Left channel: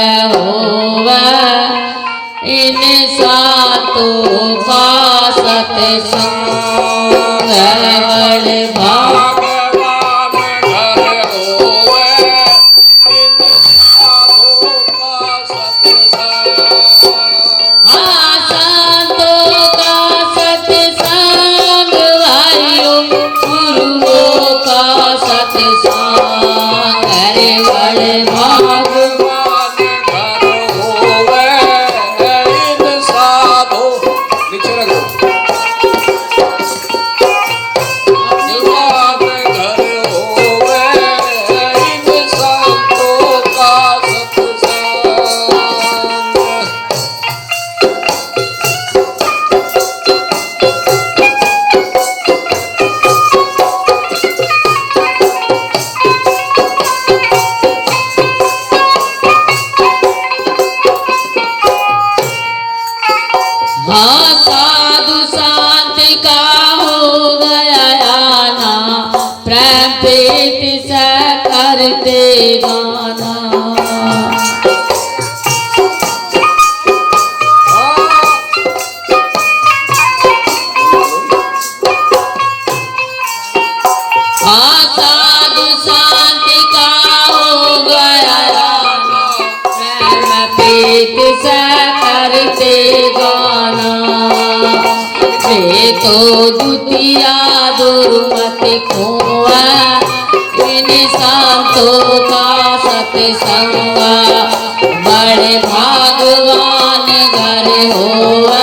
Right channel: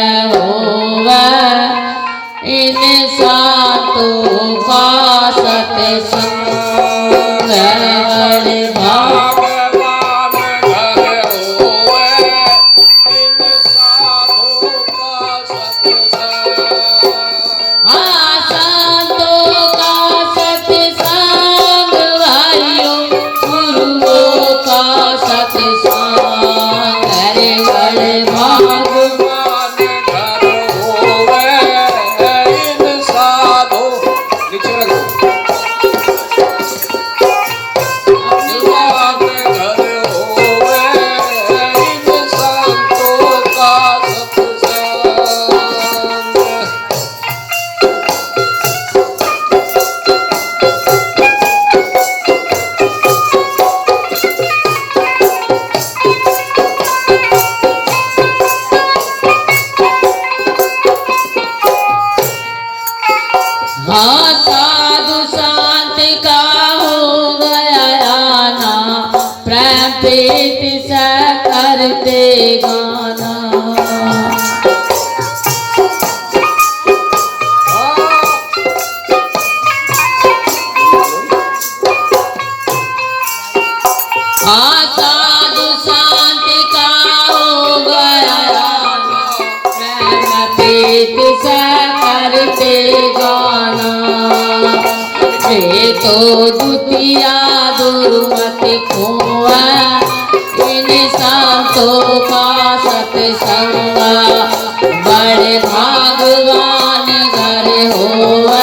होवे इन सातों का सत्संग बड़े भाग साधु शांत का हो गया ना प्रेम प्रीत से करते गाना साधु शांत का हो गया ना प्रेम प्रीत से करते गाना तो दुतिया दुर्मति खोआ इन संतों का सत्संग बड़े भगवान घर होआ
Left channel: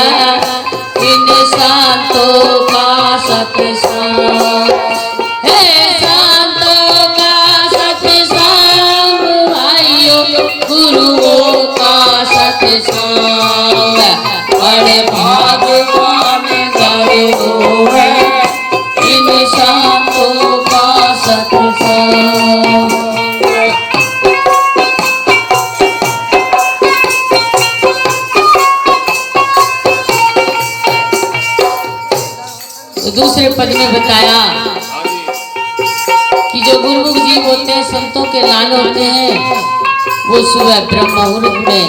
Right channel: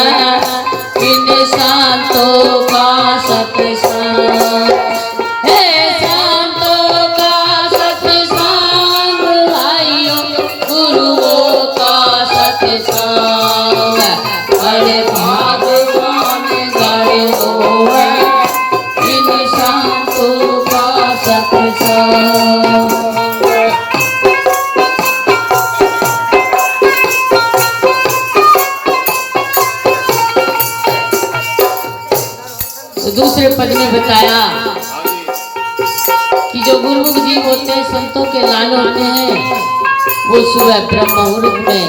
इन संतों का सत्संग हे संतों का सत्संग भाइयों गुरुओं का सत्संग बड़े दूसरे पद में बताया कि जो गुरुमुख जी होते हैं संतों के लाल होते हैं वो सुबह ब्रह्म मुहूर्त में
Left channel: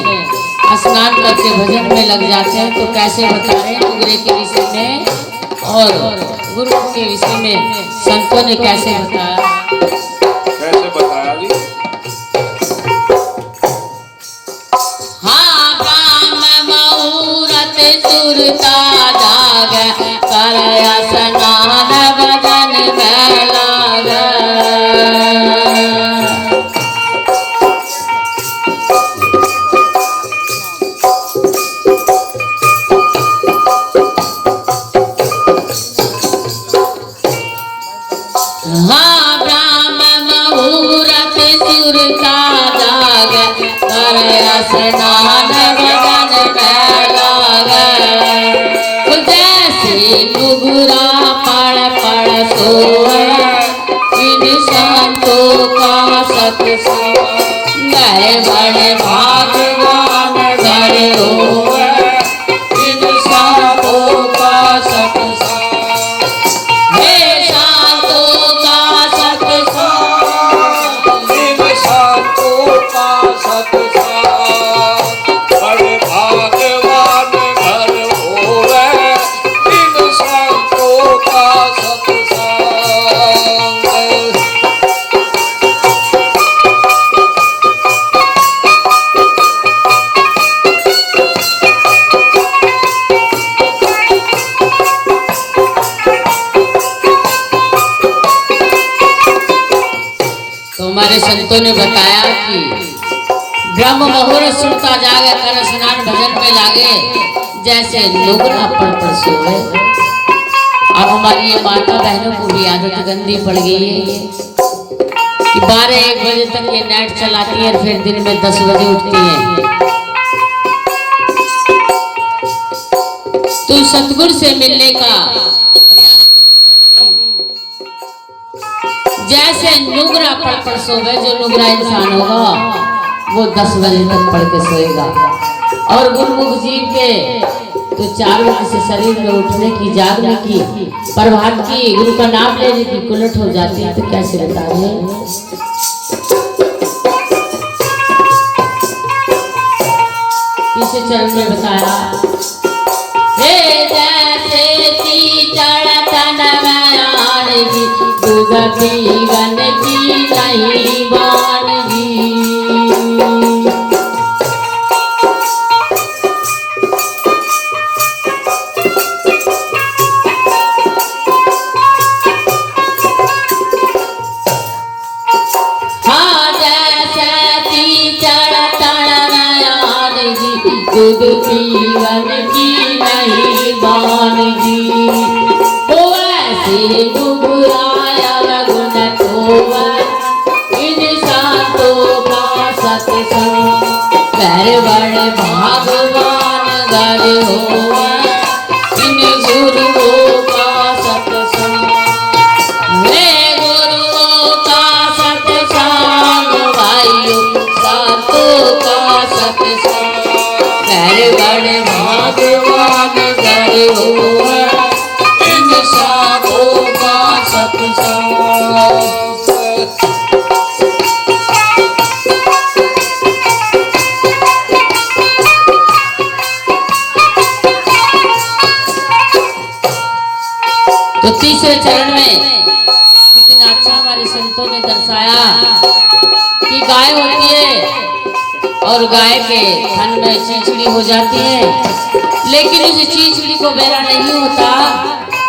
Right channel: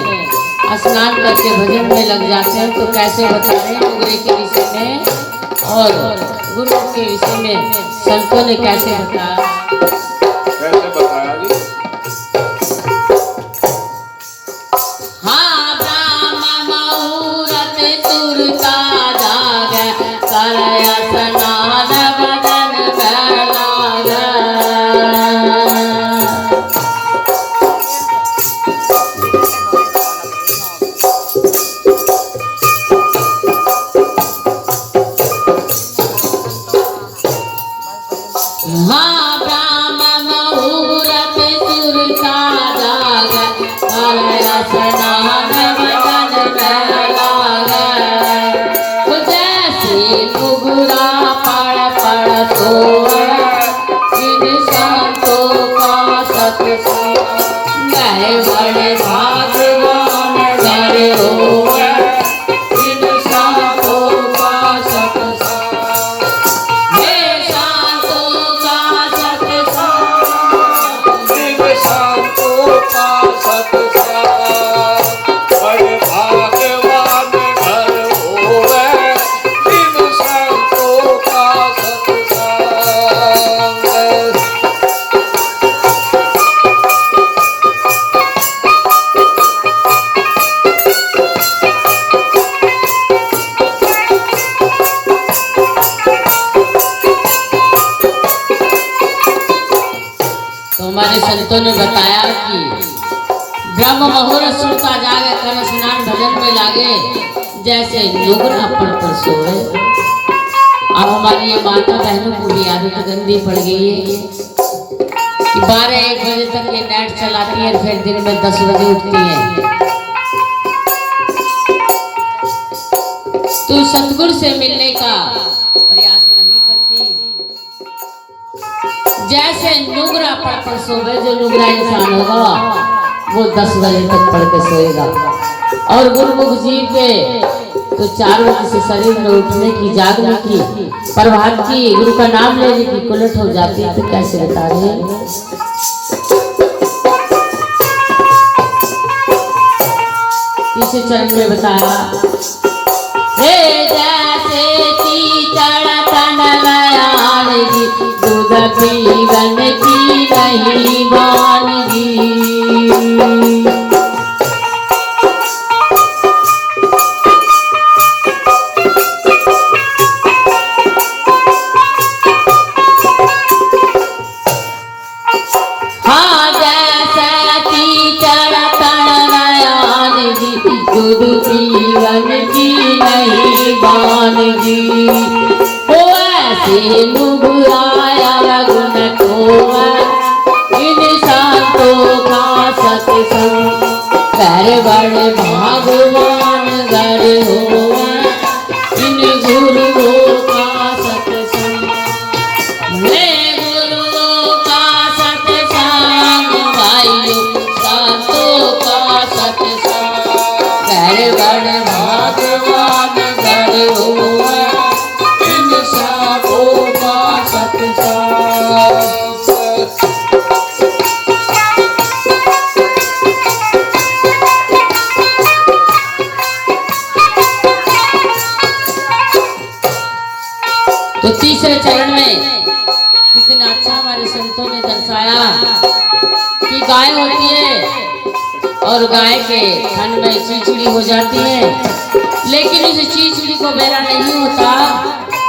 स्नान करके भजन में लग जाते हैं। तो कैसे बता रहे हैं नुगरे के विषय में और गुरुमुख के विषय में संतों ने कैसे बताया जी? हाँ ब्रह्म मुहूर्त तुरता जागे करया स्नान भजन में लागे हाँ ब्रह्म मुहूर्त तुरता जागे करया स्नान भजन में लागे गुगुरा पड़ पड़ सोए इन संतों का सत्संग बड़े भगवान घर होए इन संतों का सत्संग हे संतों का सत्संग इन संतों का सत्संग बड़े भगवान घर होवे इन संतों का सत्संग हमारे संतों ने बताया कि ब्रह्म मुहूर्त सुनता जागे कर स्नान भजन में लागे जैसे नुगरा पर सोए। अब हमारी ये माता बहनों को भी आदत गंदी पड़ गई है कि 12-1 बजे तक ये नेट चलाती है और फिर दिन में 10 बजे उठती है। तो सतगुरु से मिलने का प्रयास नहीं करती। जैसे नुगरा पढ़ सोवे, जो नुगरा इंसान होगा वो 10 बजे तक पढ़ के सोएगा। और गुरुमुख जी के तो 4 बजे से शरीर में उठने की, जागने की, प्रभात की, गुरु का नाम लेने की कुलट हो जाती है। तो कैसे बता रहे हैं इसे चरण में बताया, हे जैसे कीचड़ तनमयान जी, दूध पीवन की नहीं वानगी। हाँ जैसे कीचड़ तनमयान जी, दूध पीवन की नहीं वानगी। ओ ऐसे मुगुराया गुण खोवा, इन संतों का सत्संग कर बड़े भगवान घर होवा, इन गुरुओं का सत्संग। वे गुरुओं का सत्संग भाइयों, संतों का सत्संग कर बड़े भगवान घर होवा, इन साधुओं का सत्संग। तो तीसरे चरण में कितना अच्छा हमारे संतों ने दर्शाया कि गाय होती है और गाय के थन में चीचड़ी हो जाती है, लेकिन उस चीचड़ी को बेरा नहीं होता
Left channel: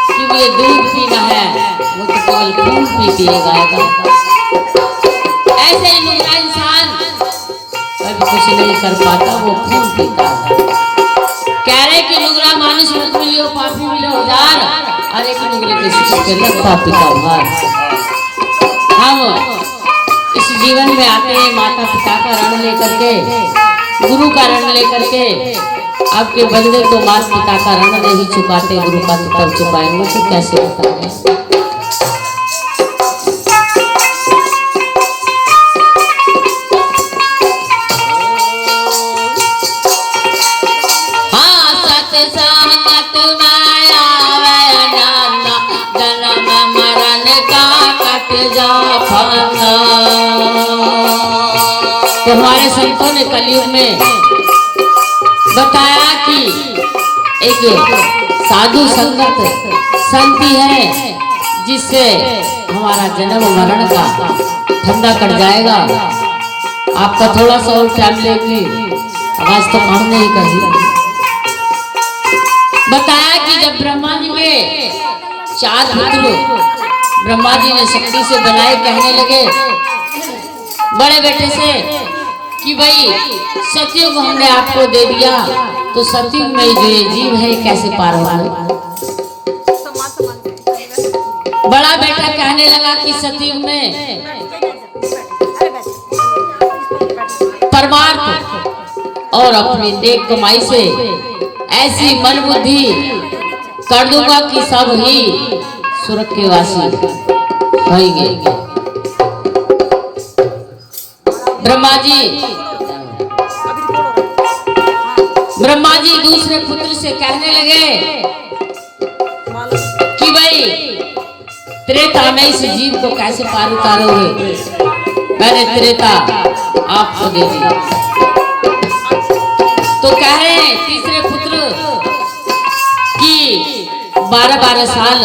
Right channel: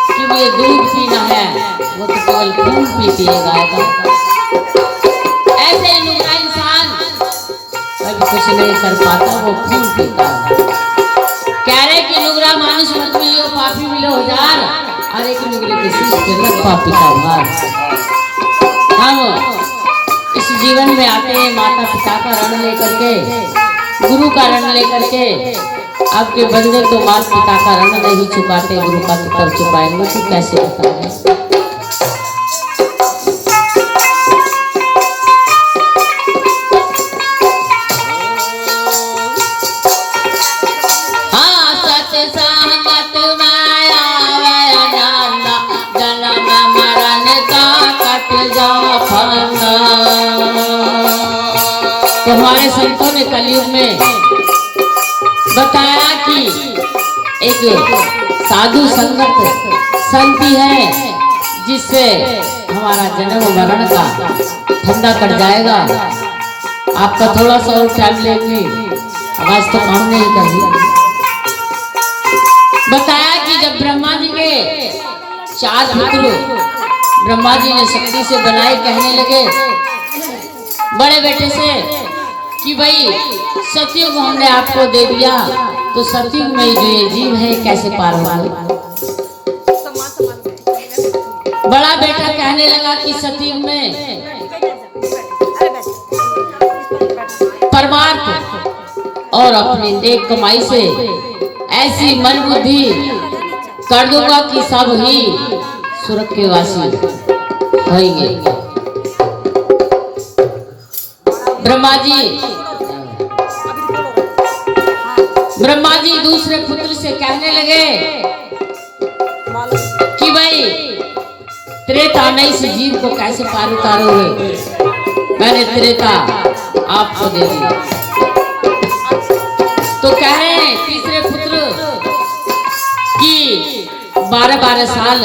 कि मुझे दूध पीना है, वो तो केवल खून पीती है गाय का। ऐसे ही इंसान कभी कुछ नहीं कर पाता, वो खून पीता है। कह रहे कि नुगरा मानुष मत मिलियो, पापी मिलो हजार, अरे कि नुगरे के रखता पिता भार। हम इस जीवन में आते हैं माता पिता का रण लेकर के, गुरु का रण लेकर के। आपके बंदे तो माता पिता का रण नहीं चुकाते, गुरु का तो कब चुकाएंगे, तो कैसे बताएं। तो हमारे संतों ने कलयुग में बताया कि एक साधु संगत संति है, जिससे हमारा जन्म मरण का ठंडा कट जाएगा। आपका थोड़ा सा और टाइम लेंगे, आवाज तो हम नहीं कही। बताया कि जब ब्रह्मा जी के 4 पुत्र ब्रह्मा जी ने शक्ति से बनाए, कहने लगे बड़े बेटे से कि भाई सतयुग हमने आपको दे दिया, तो सतयुग में जो ये जीव है कैसे पार होंगे। बड़ा बेटा कहने लगा कि सतयुग में परमार्थ और अपनी नेक कमाई से ऐसी मन बुद्धि कर दूंगा कि सब ही स्वर्ग के वासी होंगे। ब्रह्मा जी दूसरे पुत्र से कहने लगे कि भाई त्रेता में इस जीव को कैसे पार उतारोगे, मैंने त्रेता आपको दे दिया। तो कहे तीसरे पुत्र कि 12-12 साल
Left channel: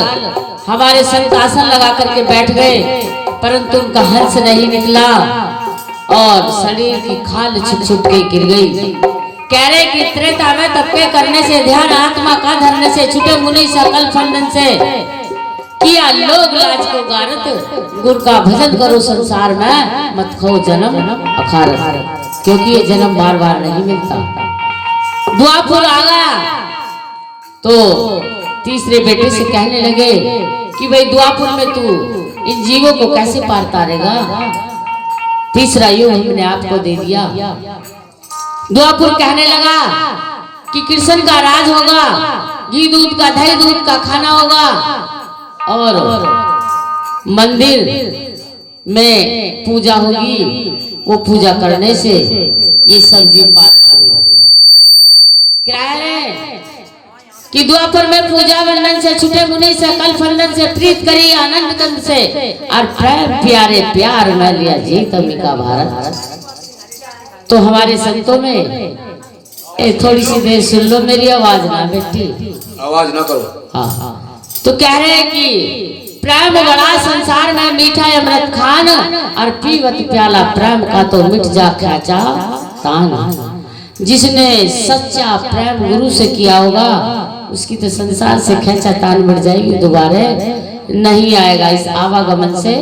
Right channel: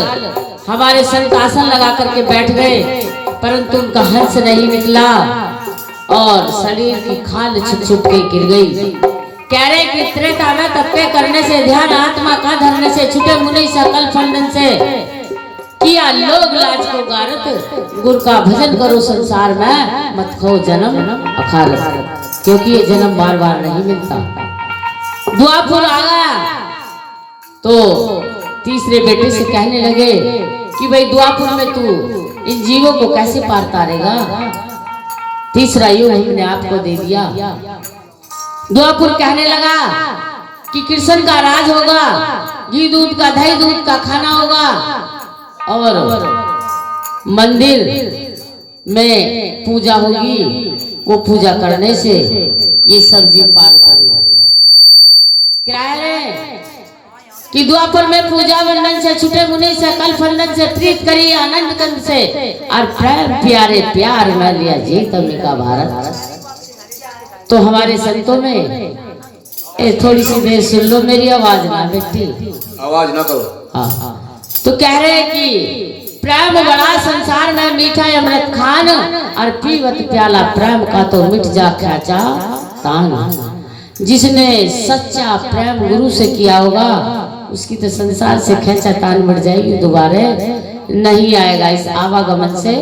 हमारे संत आसन लगा करके बैठ गए, परंतु उनका हर्ष नहीं निकला और शरीर की खाल छुट छुट के गिर गई। कह रहे कि त्रेता में तपके करने से, ध्यान आत्मा का धरने से, छुटे मुनि सकल फंदन से, किया लोग लाज को गारत, गुरु का भजन करो संसार में, मत खो जन्म अखारत, क्योंकि ये जन्म बार बार नहीं मिलता। द्वापुर आ गया तो तीसरे बेटे से कहने लगे कि भाई द्वापुर में तू इन जीवों को कैसे पार तारेगा, तीसरा युग हमने आपको दे दिया। द्वापुर कहने लगा कि कृष्ण का राज होगा, घी दूध का दही दूध का खाना होगा, और मंदिर में पूजा होगी, वो पूजा करने से ये सब जीव पार करेंगे। क्या है कि द्वापर में पूजा वंदन से, छुटे मुनि से, कल फंदन से, प्रीत करी आनंद कंद से, और प्रेम प्यारे प्यार में लिया जीत अम्बिका भारत। तो हमारे संतों में थोड़ी सी देर सुन लो मेरी आवाज ना बेटी। आवाज ना करो। हाँ तो कह रहे हैं कि प्रेम बड़ा संसार में मीठा अमृत खान, और पीवत प्याला प्रेम का तो मिट जा खेचा तान। जिसने सच्चा प्रेम गुरु से किया होगा उसकी तो संसार से खेचा तान मिट जाएगी, दोबारा नहीं आएगा, इस आवागमन से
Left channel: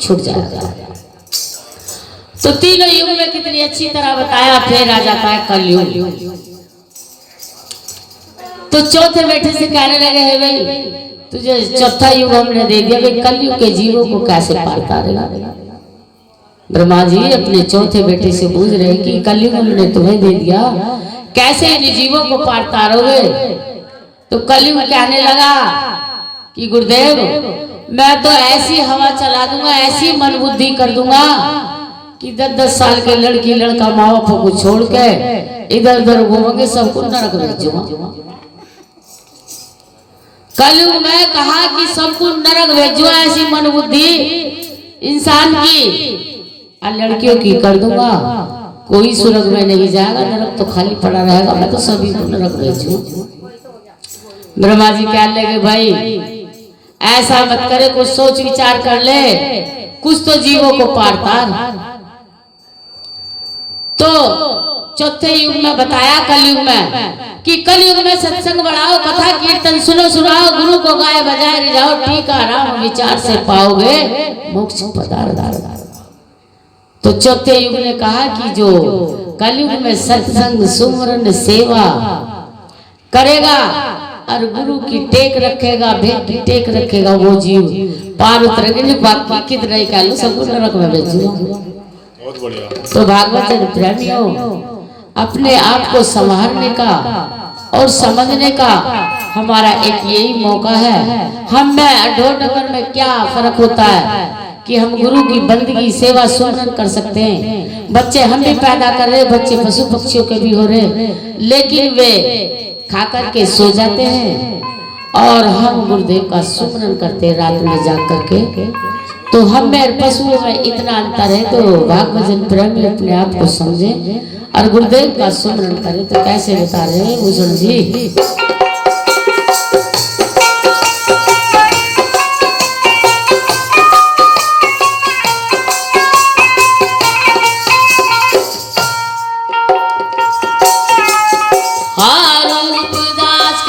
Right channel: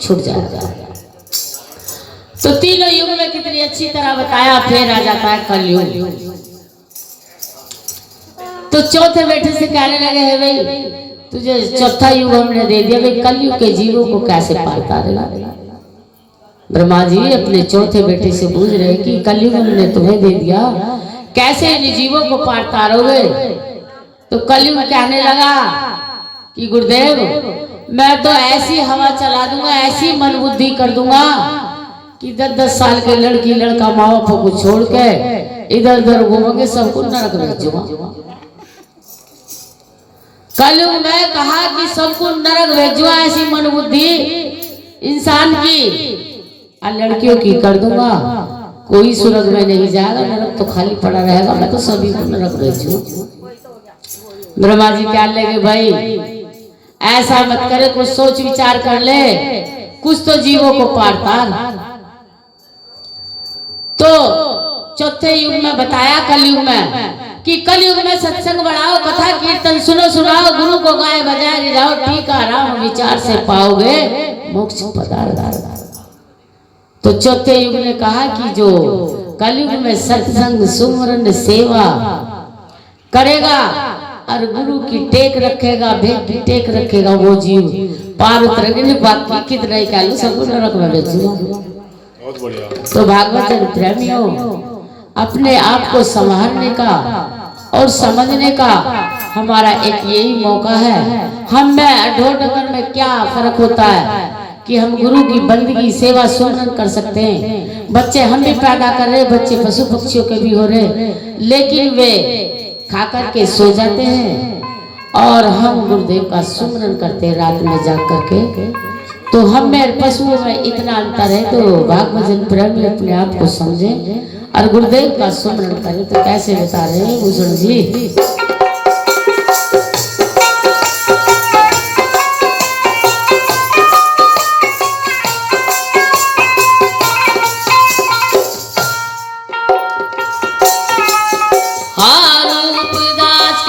छूट जाएगा। तो तीनों युग में कितनी अच्छी तरह बताया। फिर आ जाता है कलयुग। तो चौथे बेटे से कहने लगे है भाई तुझे चौथा युग हमने दे दिया, भाई कलयुग के जीवों को कैसे पार तारेगा। ब्रह्मा जी अपने चौथे बेटे से पूछ रहे कि कलयुग हमने तुम्हें दे दिया, कैसे इन जीवों को पार तारोगे। तो कलयुग कहने लगा कि गुरुदेव मैं तो ऐसी हवा चला दूंगा, ऐसी मन बुद्धि कर दूंगा कि 10-10 साल के लड़की लड़का माँ बाप को छोड़ के इधर उधर घूमेंगे, सबको नरक भेजूंगा। कलयुग में कहा कि सबको नरक भेजूंगा, ऐसी मन बुद्धि इंसान की और लड़कियों की कर दूंगा, कोई स्वर्ग में नहीं जाएगा, नरक तो खाली पड़ा रहेगा, मैं तो सभी को नरक भेजू। ब्रह्मा जी कहने लगे भाई ऐसा मत करे, कुछ सोच विचार कर ले, कुछ तो जीवों को पार तार। तो चौथे युग में बताया कलयुग में कि कलयुग में सत्संग बढ़ाओ, कथा कीर्तन सुनो सुनाओ, गुरु को गाए बजाए रिझाओ, ठीक आराम विचार से पाओगे मोक्ष पदार्थ। तो चौथे युग ने कहा कि जो कलयुग में सत्संग सुमरन सेवा करेगा और गुरु की टेक रखेगा, भेद की टेक रखेगा, वो जीव पार उतरेंगे। बाकी कितना ही कालू सबको नरक में भेजूंगा। तो भागवत प्रेमियों अपने आप को संभालने का और समझने का हमारा एक यही मौका है। हम में ढोर डगर में क्या फर्क होता है कि हम गुरु की बंदगी सेवा सुमरन कर सकते हैं। बच्चे हम भी पैदा कर रहे, बच्चे पशु पक्षियों के भी हो रहे, लेकिन वे खा करके सो जाते हैं और हम गुरुदेव का सुमरन करते हैं रात में जाग करके। तो हम में पशुओं में इतना अंतर है। तो भागवत प्रेमी अपने आप को समझे और गुरुदेव का सुमरन करें। तो कैसे बता रहे हैं भूषण जी?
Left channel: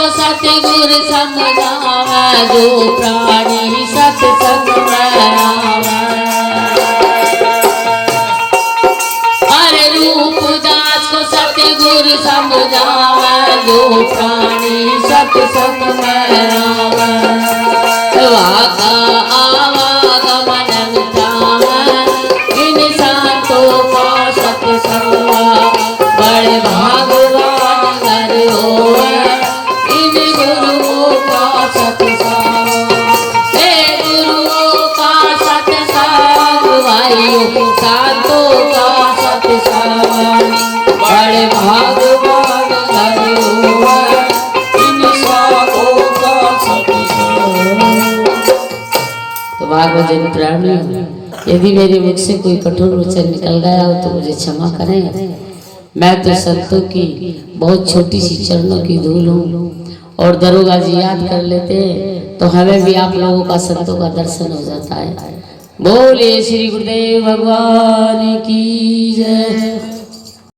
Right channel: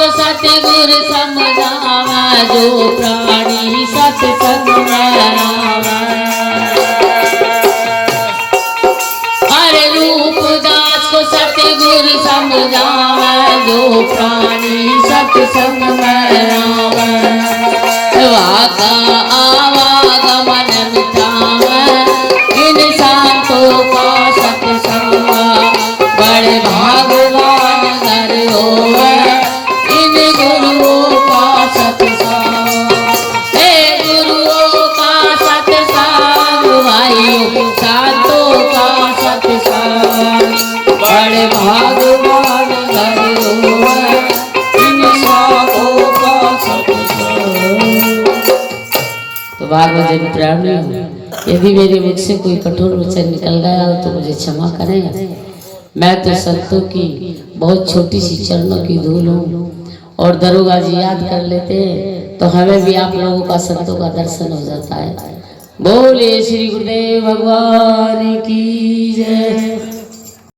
सतगुर समझावा जो प्राणी सत्संग हर रूप दास को सतगुर समझावा जो प्राणी सत्संग वाका आवागमन मिटावा इंसान तो का सत्संग बड़े भगवान घर हो भागवत प्राणी। यदि मेरे मुख से कोई कठोर वचन निकल गया हो तो मुझे क्षमा करें। मैं तो संतों की बहुत छोटी सी चरणों की धूल हूँ और दरोगा जी याद कर लेते तो हमें भी आप लोगों का संतों का दर्शन हो जाता है। बोले श्री गुरुदेव भगवान की जय।